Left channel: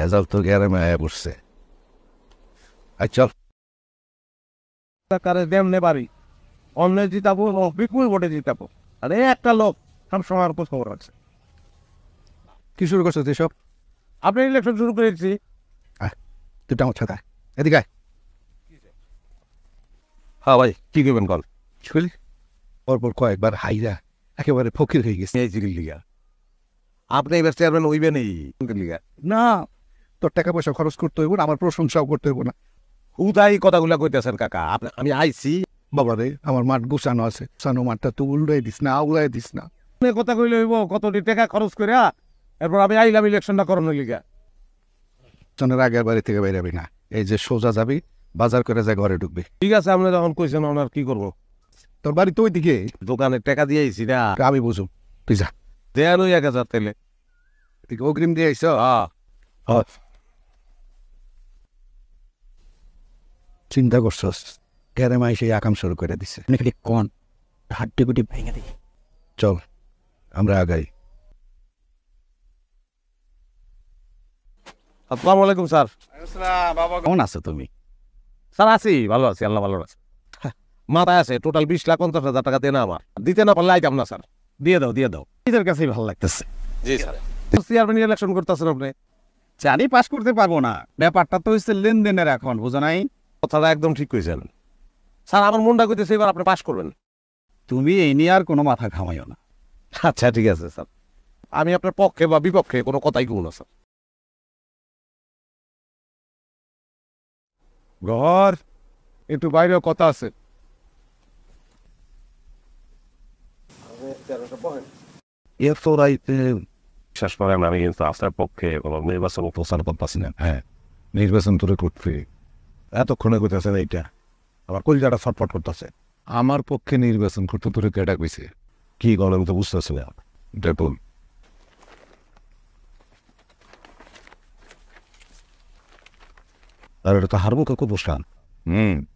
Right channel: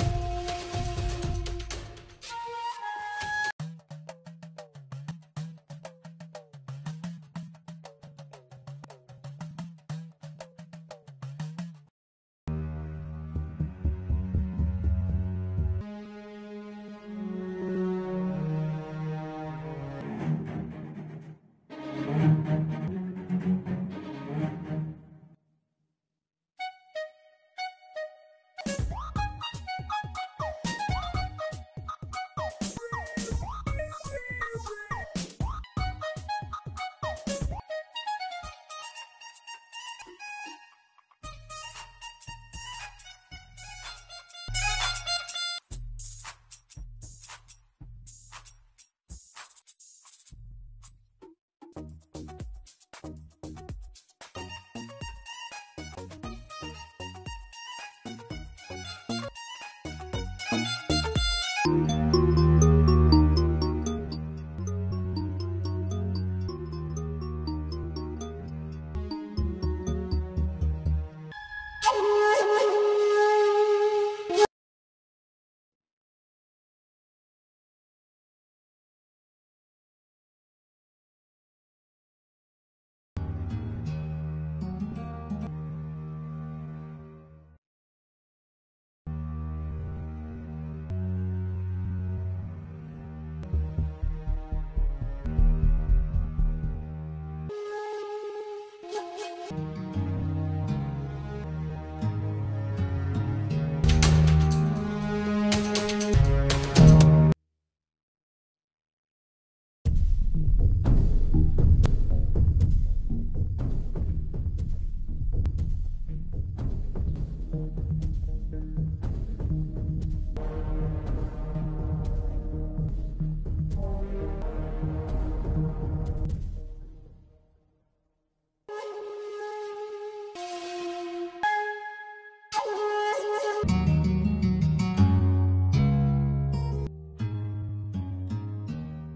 Result তো গ্যারামে আয়া পড়ছে। আচ্ছা কারে দেমনে পারি অন্য জিতাবো বিপুল ভোটে জিতাবো। আর এই একটা লোক সব সময় খোঁজ খবর আছে। কি শুরু করছো তুই সব? আপনি ইলেকশন শুরু করেছি। তুই আমার ছাতা এদিকে আয়। হ্যাঁ ভাই কি করবেন কল? শুনলি পরপর কয়েকবার হাইরা একেবারে ফকির হয়ে গেছে। এই জিরির লিগা আপনি এবার চেয়ারম্যান হইবেন এই লিগা না তোর টাকা পয়সা খরচ করতে হইব না, আমার প্রশংসাও করতে হইব না। উদাই কথাগুলা কইতেছেন কাকা। আমি আইছি বাবারে আমার মাঠ গুছানো আছে, গুছানো মাঠটা তো উল্টাই দিস না, আউলাই দিস না। কথা কইলে হইব কতটি টাকা খরচ করে এরপর আমি আইলাম ইলেকশনটা করানোর লিগা। চনের আগের বাড়ি থেকে বেরাবি না, এই যে সোজা যাবি বাজার করে যা ঘরে ঢুকবি। ঠিক আছে আপনি যখন কইছেন ওনার কি করবো? তোর বাড়ি তো ওইদিকে, দোকানে টাকা দিয়ে আইছি না। আমি বুঝুম, তুই যা। দেয়াল 1000 তেলে তুই অগ্রিম দিয়ে আইস। চিন্তা করছস গ্যারেমাই সেই আকাম শুরু করে দিছে। নাকি কোন হাড্ডি গুটি ভেঙে দেখি। চল আমরা আগাই। আসসালামু আলাইকুম স্যার। কেমন আছো তুমি? স্যার আছি, ভালো আছি, আল্লাহ ভালো আছে। মাথায় আছে টোটাল 20,50,000 টাকা দেনা আমার। দিতে না পারলে আইতাম না স্যার। দিয়ে দাও দিয়ে দাও, নিজের কাছেই ভালো লাগতেছে। জি স্যার। চেয়ারম্যান ইলেকশন করতেছেন আপনি? জানি পাস করতে পারবো না, ব্যাপারটা তো হচ্ছে লেনদেনের এখন, বুঝো নাই? কথাটা একদম ঠিক কইছেন স্যার। আমার মনটা কইতেছে এবার আপনি পাস করবেন। তুমি এই নিয়ে আর কোনো মাথা ঘামাইও না। আচ্ছা ঠিক আছে স্যার, আমি আপনার পক্ষে বা বিপক্ষে কোনো কথাই কইব না স্যার। ঘর একটু বাইরেও কথা আছে। বিশ্বাস করেন আমি কিন্তু আপনার পক্ষে কোনো নির্বাচন প্রচার করতেছি না। হ্যাঁ নির্বাচন তোরে করতে এতক্ষণে কইতেছেন এইটা, আমার কলজাটা ছটফট করতেছে। আমার পক্ষে নির্বাচন করতে তোরে কেডা কইছে? কি করেন তো বুঝতেছি না। দেখুন আর এটা তো হারবো কাকু বসান।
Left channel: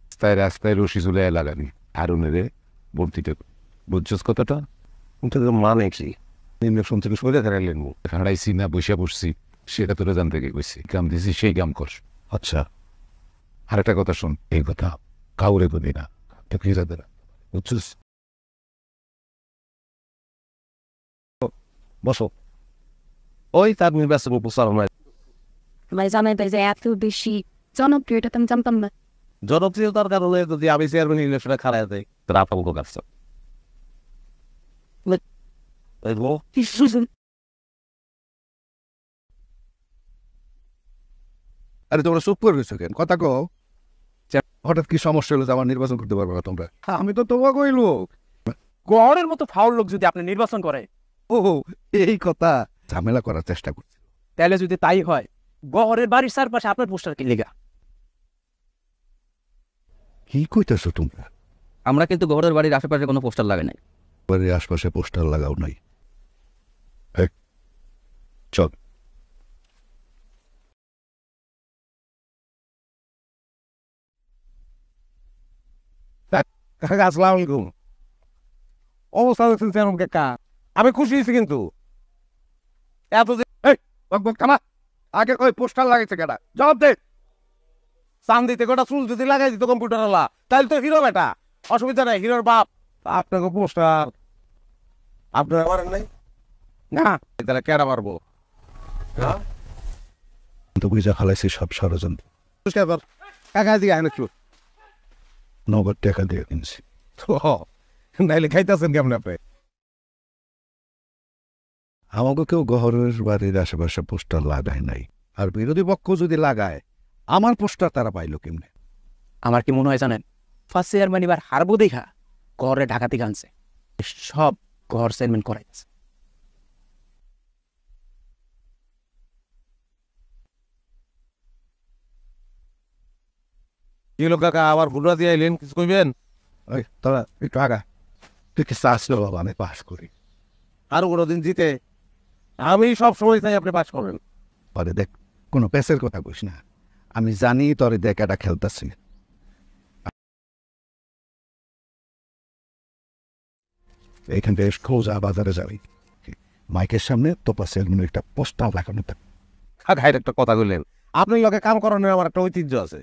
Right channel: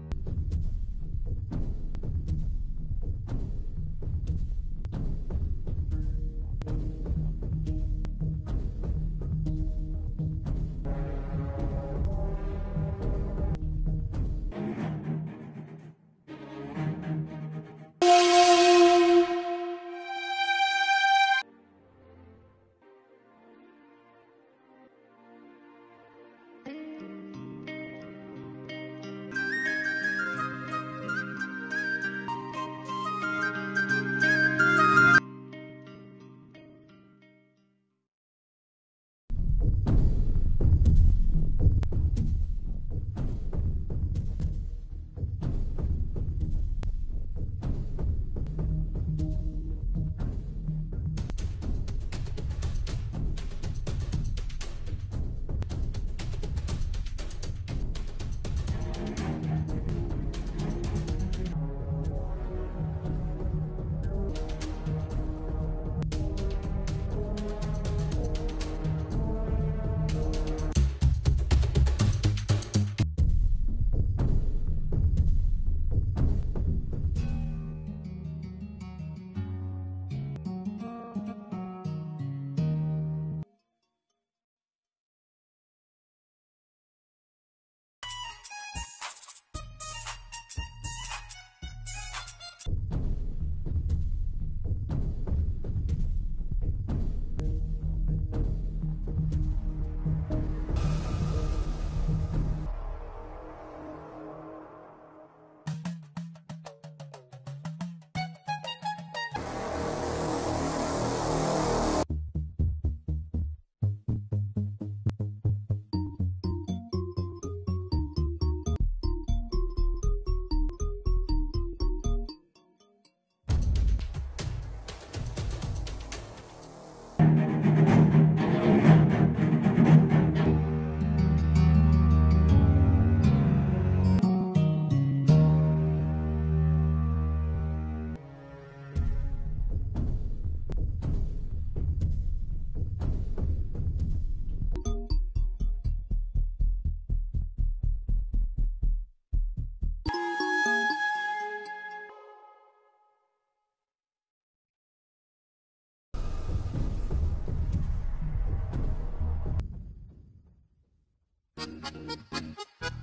রাস্তায় রাস্তায় রশি ঝুলে লাগাবি হারুনেরে ভর্তিটা। বুঝছস কথাটা? মানে কি নির্বাচন থেকে সরে দাঁড়াইলেন হারাইছি না বসে বসছি সেটা তোরা জানতে গিয়ে কইছি। কাম দিছি সেই কাম কর। আচ্ছা আর একটা কথা শোন, এই কথা কাউরে বলি না, ঠিক আছে? বুঝছিস? বসো। ওই তার নির্বাচন প্রচার নয়, ভাই জানাই তাই যে এত বেশি জনপ্রিয়তা তো আমি জানতাম না। জনপ্রিয়তার কারণে যদি আমি চেয়ারম্যান ইলেকশনে খারাপ দেয় তার আতঙ্ক কাটছে। আরে তোমরা চুপ করে গেছো কেন? কথা কও। হঠাৎ কি সমস্যা হলো যে আমার নির্বাচন করতে পারবে না তোমরা? আমি তো তোমাকে কইলো গড়ের মতো ফাউল লোক যদি আপনি নির্বাচন করে, ও এই কথা, ঝামেলা করার চেষ্টা করি। তাহলে যদি তাই হয় গড়ের বাড়ির চারপাশে আপনার পোস্টার কি লেগা? কি কইতেছো তোমরা? আমরা কিন্তু গড়ের বাড়ির আশেপাশে কোনো পোস্টার লাগাই নাই। বাড়ির আশপাশে পোস্টার লাগাও নাই। চল আসসালামু আলাইকুম। অবস্থা দেখছেন চেয়ারম্যান কাকা, আমি খুশি হয়েছি কিন্তু এত যে থামা। আগে কই পোস্টার লাগাইছে কেডা? জবাব দে। চান দিতে গোটা চুল যদি লাগাই দিত কম্পিউটার ওলা তাহলে তো হিরো বেটা, অসুবিধা নাই। হিরোর বাপ। আপনাকে পোস্টার আপনারা মারেন নাই না, তাহলে কেডা মারবো? তুমি যা খালাইছি সব ষড়যন্ত্র। কাকা দিকে আইন একটু নগদ টাকা দিয়ে কিনছি। নাইলে খাইতেছেন কেমন আপনি? আমাকে কেউ গহরের বাড়ির আশেপাশে পোস্টার লাগায় নাই। আর বিরোধী পক্ষ যদি লাগায় আমার পোস্টার তারা পাইলো কেমনে? আমার কি মনে হয় জানেন, ফার্স্ট চেয়ারম্যান এবার হারবো দেখা ঘরে ঢাকাতে গানছে সব ঘর চেয়ারম্যান করে। কি লোক কাকা আবার ঘুরা দিয়ে আইলেন, কিছু কইবেন? ওই তোরা একটু আগা, তুই কি চাস বাবা আমি পাস করি? আরো কোনোদিন জিতে আমি সব সময় চাই আপনি পাস করবেন। পরে দেখ কোনো পেসের কথা কইস না, আমি জানি তোরে দেখ এটা খেলতেছি। এইখান থেকে সোজা বাজারে যাবি, মাইকের সামনে তোপা সেলুনের একটা পোস্টার লাগানো থাকবে। খাইর একটা কথা কইলেন আপনার লগে কাম করানোর আমার একটা ঐতিহ্য আছে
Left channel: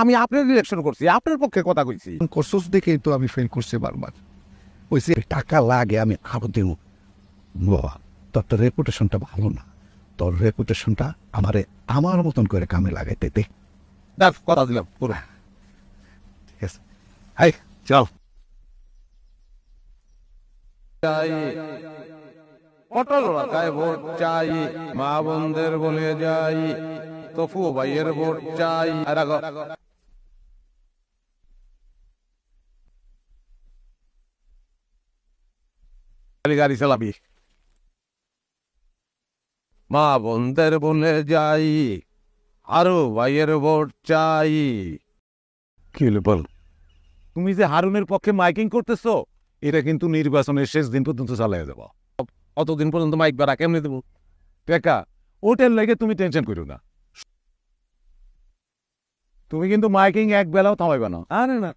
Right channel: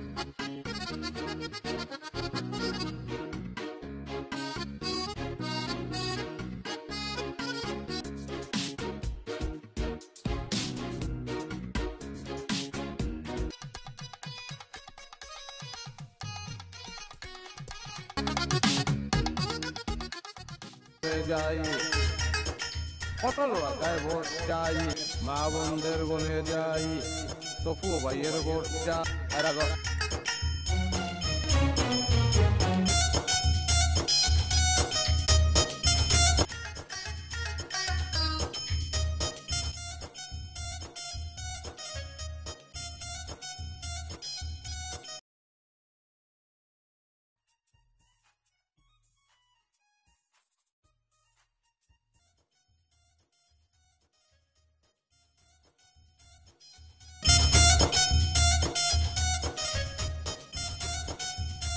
আমি আপনার ডিরেকশন করছি আপনার পক্ষে কথা কইছি করছোস দেখেই তো আমি ফেল করছি বারবার কইছি টাকা লাগে আমি আরো দেব বাবা তোর তো রেপুটেশনটা ভালো না তোর রেপুটেশনটা আমারে আমার মতন করে কামে লাগাইতে দে দেখ কথা দিলাম পুরো হাই চল পটল রাখায় ভোট চাই মা বোনদের বলে যাই তফু ভাইয়ের ভোট চাই গাড়ি চালাবি মা বোনদের বলে যাই আরো ভাইয়ের ভোট চাই কি হলো বল তুমি যে হারুনের পক্ষে মাইকিং করতেছো এটা কিন্তু নির্বাচনের শেষ দিন পর্যন্ত চালাই যাব অতদিন পর্যন্ত মাইক বাড়া কেমনে দেবো টেকা ওটার লাগে তুমি টেনশন করো না তুমি কিন্তু মাইকিং এক বেলাও থামাইবে না আরে না